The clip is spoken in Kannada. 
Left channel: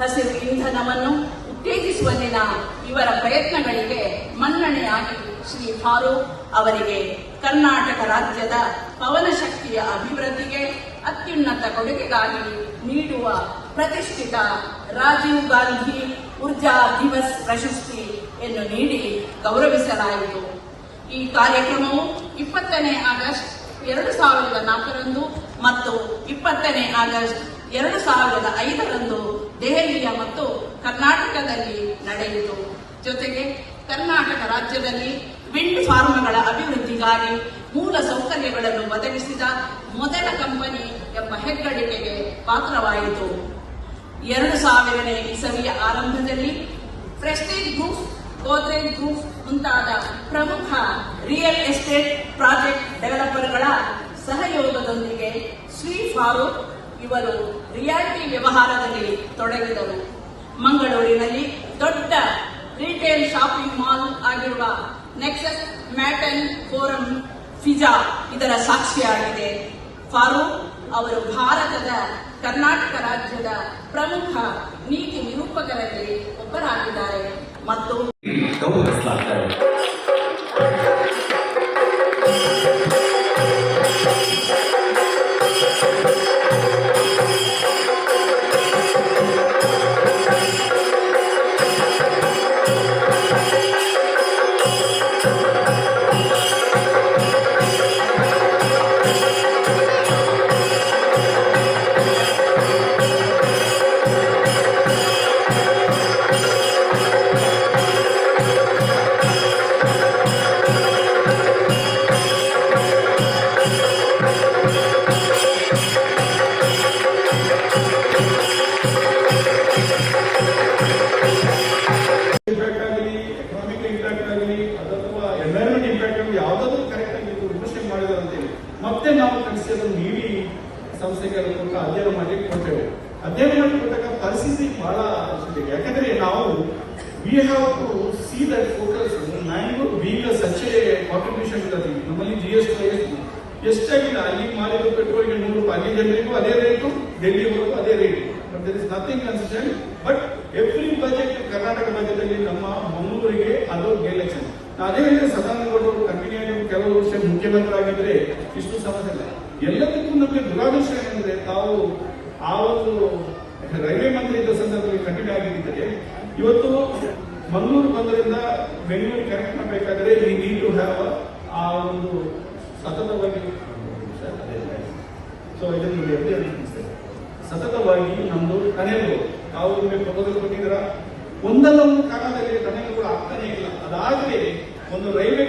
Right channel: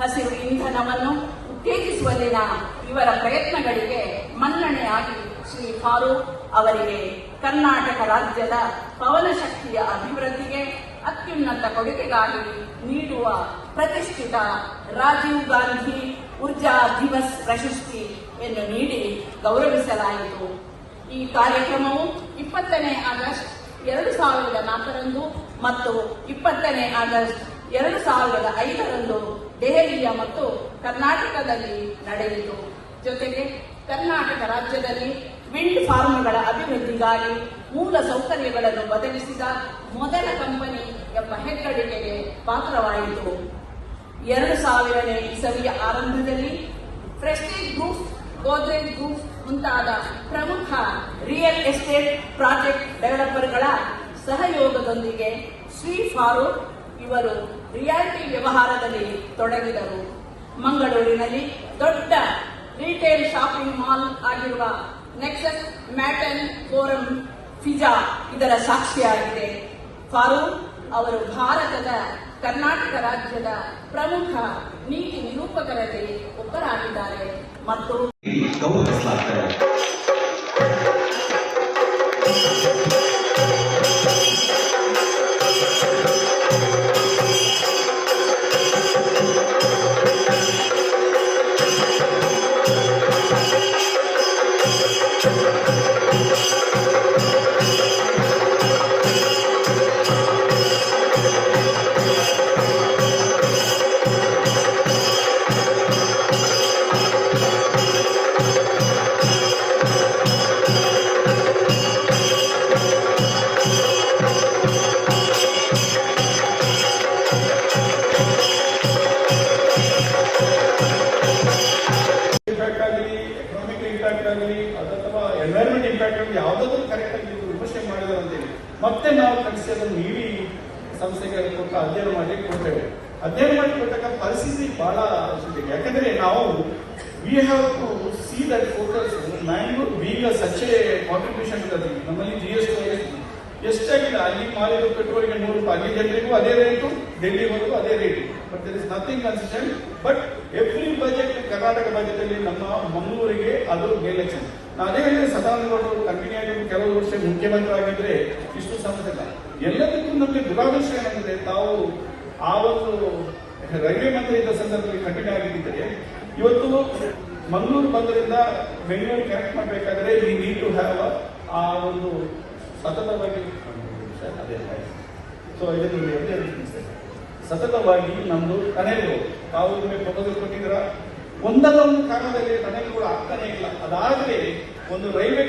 ಹಸಿರು ಇಂಧನವನ್ನು ದಿನ ಇವರ ಪ್ರಯತ್ನಗಳಿಗೆ ಮನ್ನಣೆಯಾಗಿ ಶ್ರೀ ಫಾರೂಕ್ ಅವರಿಗೆ ಕರ್ನಾಟಕ ರಾಜ್ಯದ ಪವನ ಶಕ್ತಿಯ ಅಭಿವೃದ್ಧಿಗೆ ಅತ್ಯುನ್ನತ ಕೊಡುಗೆಗಾಗಿ ನೀಡುವ ಪ್ರತಿಷ್ಠಿತ ರಾಜೀವ್ ಗಾಂಧಿ ಊರ್ಜಾ ದಿವಸ್ ಪ್ರಶಸ್ತಿಯನ್ನು ನೀಡಿ ಗೌರವಿಸಲಾಯಿತು. ಈ ಕಾರ್ಯಕ್ರಮವು ಇಪ್ಪತ್ತನೇ ಆಗಸ್ಟ್ ಎರಡು ಸಾವಿರದ ನಾಲ್ಕರಂದು ಮತ್ತು ಇಪ್ಪತ್ತನೇ ಆಗಸ್ಟ್ ಎರಡು ಸಾವಿರದ ಐದರಂದು ದೆಹಲಿಯ ಮತ್ತು ಕರ್ನಾಟಕದಲ್ಲಿ ನಡೆಯಿತು. ಜೊತೆಗೆ ಕರ್ನಾಟಕ ರಾಜ್ಯದಲ್ಲಿ ವಿಂಡ್ ಫಾರ್ಮ್ಗಳ ಅಭಿವೃದ್ಧಿಗಾಗಿ ಮೂಲ ಸೌಕರ್ಯಗಳನ್ನು ಒದಗಿಸಿದ ಮೊದಲ ಕಂಪನಿ ಎಂಬ ಹೆಗ್ಗಳಿಕೆಗೆ ಪಾತ್ರವಾಯಿತು. ಎರಡು ಸಾವಿರನೇ ಇಸವಿಯ ಆರಂಭದಲ್ಲಿ ಪ್ರೆಸ್ಟೀಜ್ ಗ್ರೂಪ್, ಗೋದ್ರೇಜ್ ಗ್ರೂಪ್ ಮುಂತಾದ ಪ್ರಮುಖ ರಿಯಲ್ ಎಸ್ಟೇಟ್ ಪ್ರಾಜೆಕ್ಟ್ ಡೆವಲಪರ್ಗಳ ಸಹಯೋಗದೊಂದಿಗೆ ಸ್ವೀಟ್ ಫಾರೂಕ್ ಇವರು ರಿಯಾಲಿಟಿ ವ್ಯವಹಾರದಲ್ಲಿ ತೊಡಗಿದರು ಮಂಗಳೂರಿನಲ್ಲಿ ದೊಡ್ಡ ರಿಟೇಲ್ ಶಾಪಿಂಗ್ ಮಾಲ್ ಆಗಿರುವ ನೆಕ್ಸಸ್ ಮ್ಯಾಟನ್ ಫೋರಂ ಫಿಜಾ ಇದರ ಸಾಕ್ಷಿಯಾಗಿದೆ. ಫಾರೂಕ್ ಅವರು ಭಾರತದ ಕರ್ನಾಟಕ ರಾಜ್ಯದ ಪ್ರಮುಖ ನೀತಿ ನಿರೂಪಕರಲ್ಲಿ ಒಬ್ಬರಾಗಿದ್ದಾರೆ. ಮತ್ತು ಆಗಲಿ ಯಾವುದಾದ್ರೂ ಕರೆಕ್ಟ್ ಆಗಿ ಇದು ವಿಮರ್ಶೆ ಮಾಡಿದ್ದಾರೆ ಅಂತೇಳಿ ಮತ್ತೆ ನಾವು ಕಳಿಸಿ ಅದನ್ನು ನೀಡಿ ಸಂಸ್ಥೆಗೆ ಅದನ್ನು ಅಧ್ಯಯನ ಮಾಡಿ ಕೊಡ್ತೇವೆ. ಅಧ್ಯಯನ ಮಾಡಿ ಕೊಟ್ಟಾಗ ಪರಿಸ್ಥಿತಿ ಬಹಳ ಇದೆ ಯಾಕಂದ್ರೆ ನಾವು we have to see that focus Mangalore being such a contribution ನಮ್ಮಲ್ಲಿ ಜಿ ಎಸ್ ಟಿ ಎಷ್ಟಾಗಿಲ್ಲ ಅಲ್ಲಿ ಮಾಲಿರೋ ಪೆಟ್ರೋಲ್ಗೆ ನೂರು ರೂಪಾಯಿ. ಅಲ್ಲಿ ಜನರಿಗೂ ಅದೇ ರೇಟು ಡೆಲ್ಲಿವರೆಗೂ ಅದೇ rate but there is nothing consistent but every budget Karnataka ರಾಜ್ಯದಲ್ಲಿ ನಮ್ಮ ಮಂಗಳೂರಿಗೆ ಅದು ಎಲೆಕ್ಷನ್ ಅದೇ ಹೇಳಿದ್ರೆ ಸದಾನಂದಗೌಡರು ಕಂಟಿನ್ಯೂ ಕೆಲವು ವರ್ಷ ಮುಖ್ಯಮಂತ್ರಿ ಆಗಿದ್ರೆ ಇಷ್ಟು ಸಮಸ್ಯೆ ಇಲ್ಲ. ಎಲ್ಲದಕ್ಕೂ ನಮಗೆ ದುರಾದೃಷ್ಟ ಏನಂದ್ರೆ ತಾವು ಆ ಒಂದು ರೈಲ್ವೆ ಮಂತ್ರಿ ಇದ್ದ ಸಂದರ್ಭದಲ್ಲಿ ಕಂಟಿನ್ಯೂ ಆಗಿದ್ದರೆ ಇವತ್ತು ಮಂಗಳೂರು ಬಂದರಿಂದ ಬೆಂಗಳೂರು ಕನೆಕ್ಟ್ ಮಾಡಬೇಕಾದ್ರೆ ಈ ನೀಡ್ ಟು ಹ್ಯಾವ್ ಆ ಒಂದು ಸತತವಾಗಿ ಸೊ ಇದನ್ನು. ಸತತವಾಗಿ ಟನೆಲ್ಗಳು ತಾವು ನಿಮಗೆ ಪ್ರಪೋಸಲ್ ಕೊಟ್ಟಿದ್ದೀರಾ? ಒಂದಲ್ಲ ಒಂದು ಕಾರಣದಲ್ಲಿ ಕೂಡ ಆಗ್ತಾನೆ ಇಲ್ಲ. ಅದಾದ್ರೆ ಒಂದು ರೈಲ್ವೆ